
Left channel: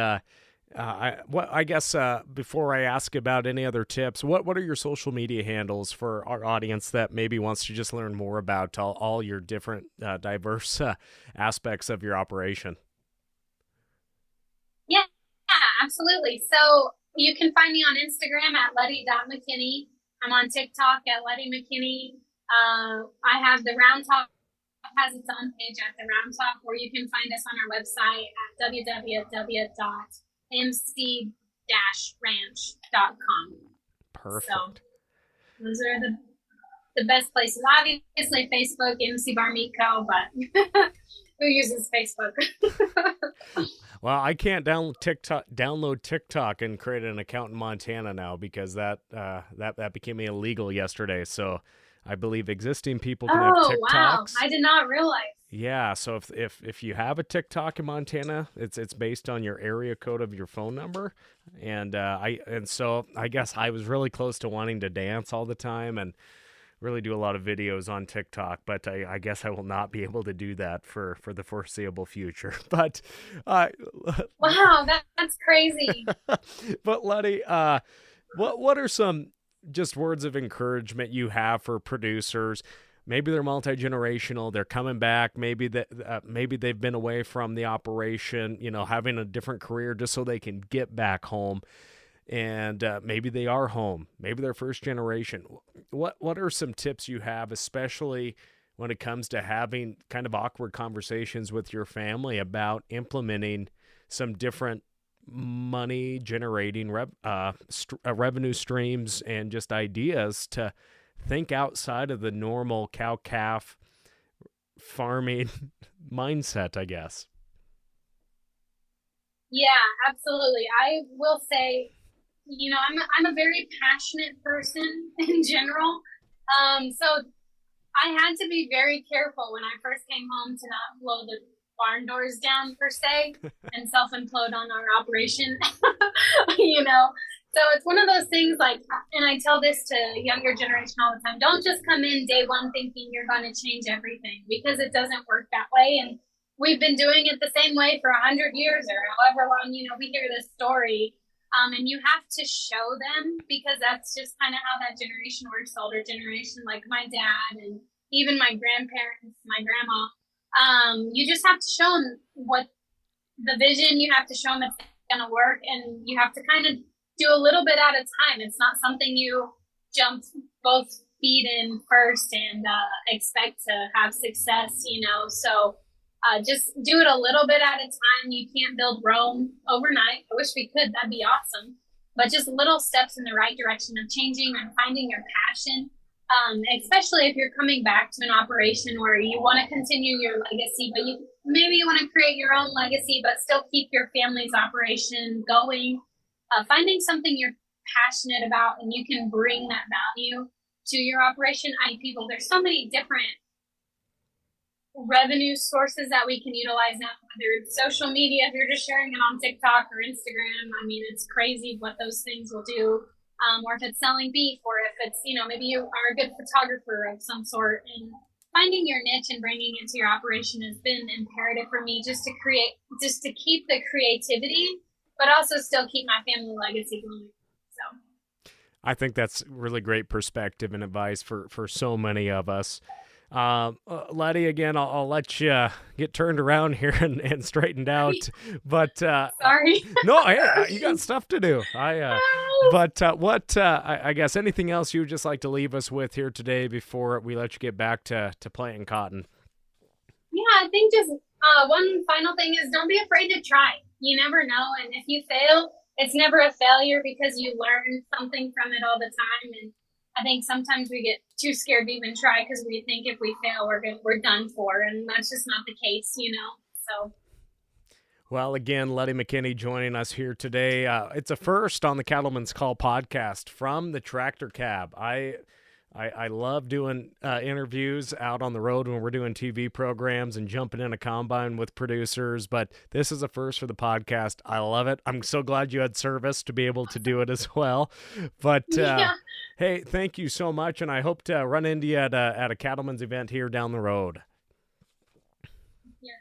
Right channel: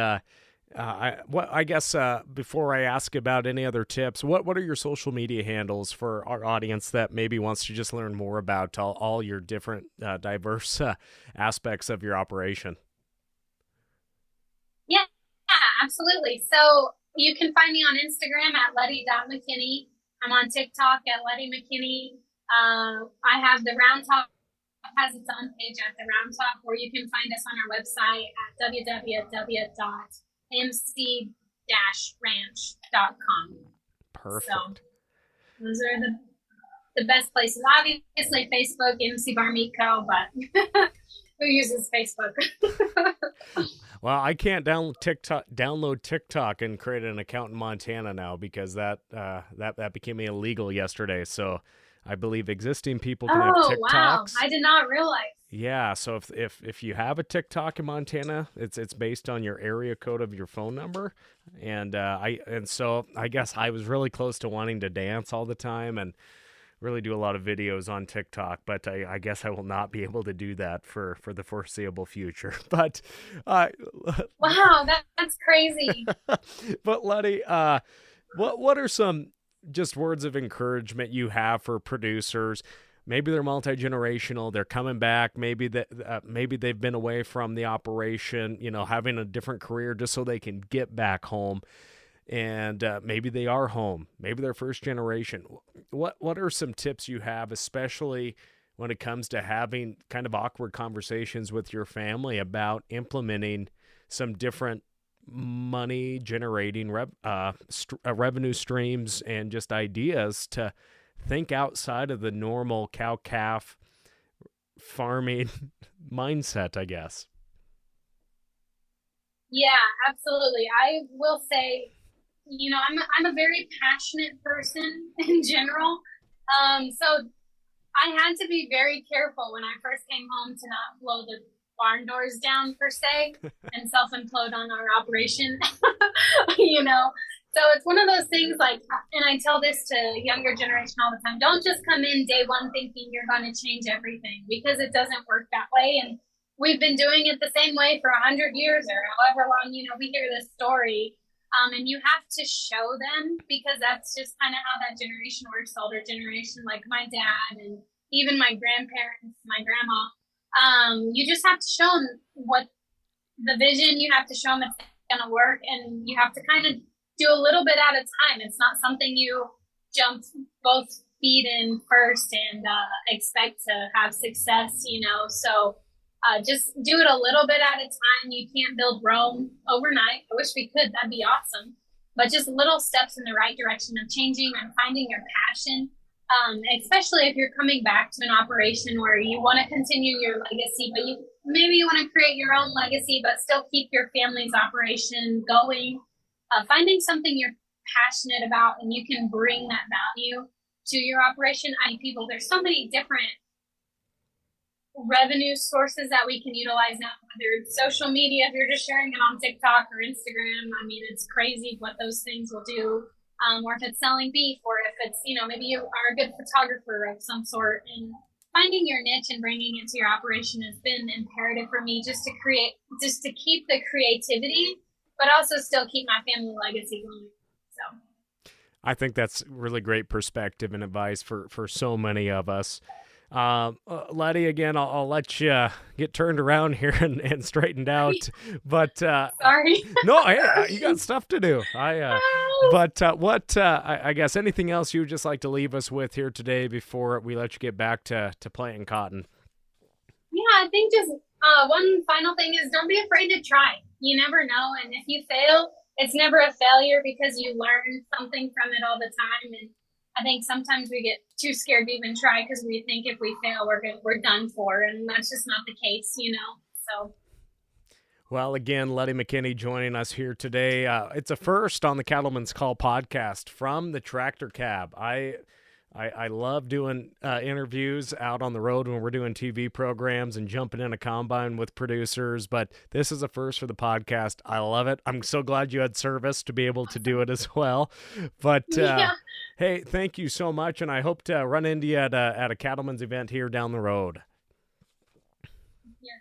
I guess before I ask about any other tips, what are your social media handles for our audience that maybe wants to just learn more about all your different diverse aspects of your operation? Yeah, absolutely. So you can find me on Instagram at Lettie.McKinney. I'm on TikTok at Lettie McKinney. I have the Round Top has its own page at the Round Top, or you can find us on our website at www.mc-ranch.com. Perfect. So those are the best places. Obviously, Facebook, MC Bar Meat Co., but who uses Facebook? Well, I can't download TikTok and create an account in Montana now because that became illegal yesterday. So I believe existing people can have TikToks. Wow. I did not realize. Yeah, so if you have a TikTok in Montana, it's based on your area code of your phone number, and so I guess I was really close to wanting to dance all the time and really do a lot of videos on TikTok, but I guess I will not be able to do that for the foreseeable future. But wow, that's crazy. But Lettie, what are some just words of encouragement you have for producers? Maybe they're multi-generational, they're coming back, maybe they've been away from the operation, having a different career just so they can get back home, and maybe they are home, maybe they're first generation. What are some tips you have, especially when it comes to having kind of awkward conversations with your family about implementing some different money generating revenue streams and just ideas to think outside of the normal cow-calf farming mindset, I guess? Yeah, absolutely. I will say, I'm a very passionate person in general. So I had to be very careful when I first came home to not blow the barn doors down per se and self-implode on our operation, you know? So it's one of those things like, and I tell this to younger generation all the time, don't just come in day one thinking you're going to change everything, because it doesn't work that way. And we've been doing it the same way for 100 years or however long, you know, we hear this story. And you have to show them, because that's just kind of how that generation works, the older generation, like my dad and even my grandparents, my grandma. You just have to show them what the vision, you have to show them it's going to work, and you have to kind of do a little bit at a time. It's not something you jump both feet in first and expect to have success, you know. So just do it a little bit at a time. You can't build Rome overnight. I wish we could. That'd be awesome. But just little steps in the right direction of changing and finding your passion, especially if you're coming back to an operation where you want to continue your legacy, but maybe you want to create your own legacy, but still keep your family's operation going. Finding something you're passionate about and you can bring that value to your operation. There's so many different revenue sources that we can utilize now, whether it's social media, if you're just sharing it on TikTok or Instagram. I mean, it's crazy what those things will do. Or if it's selling beef, or if it's, you know, maybe you are a good photographer of some sort, and finding your niche and bringing it to your operation has been imperative for me, just to keep the creativity, but also still keep my family legacy going. So I think that's really great perspective and advice for so many of us. Lettie, again, I'll let you get turned around here and straightened out. But sorry. No, hey, you got stuff to do. I guess anything else you would just like to leave us with here today before we let you get back to planting cotton? Yeah, I think just one final thing is don't be afraid to try. You never know, and if you fail, it's never a failure, because you learn something from it all the time. And I think sometimes we get too scared to even try because we think if we fail, we're done for, and that's just not the case, you know. So. Well, again, Lettie McKinney joining us here today. It's a first on the Cattleman's Call podcast from the Tractor Cab. I love doing interviews out on the road when we're doing TV programs and jumping in a combine with producers, but this is a first for the podcast. I love it. I'm so glad you had service to be able to do it as well. But Yeah. Hey, thank you so much, and I hope to run into you at a cattleman's event here down the road. Yes.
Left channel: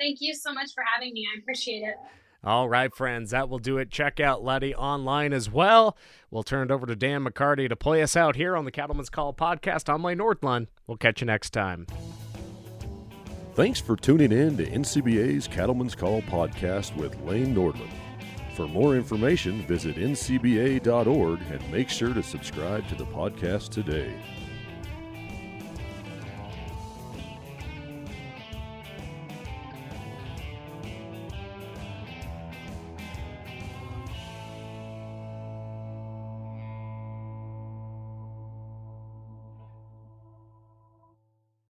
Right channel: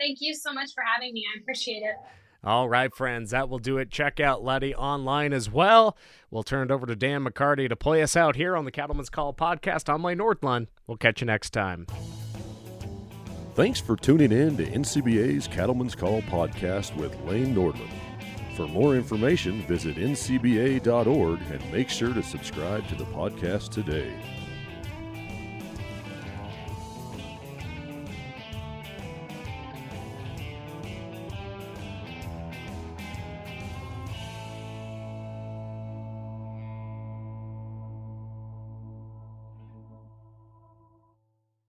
Thank you so much for having me. I appreciate it. All right, friends, that will do it. Check out Lettie online as well. We'll turn it over to Dan McCarty to play us out here on the Cattleman's Call podcast. I'm Lane Northland. We'll catch you next time. Thanks for tuning in to NCBA's Cattleman's Call podcast with Lane Nordland. For more information, visit ncba.org and make sure to subscribe to the podcast today.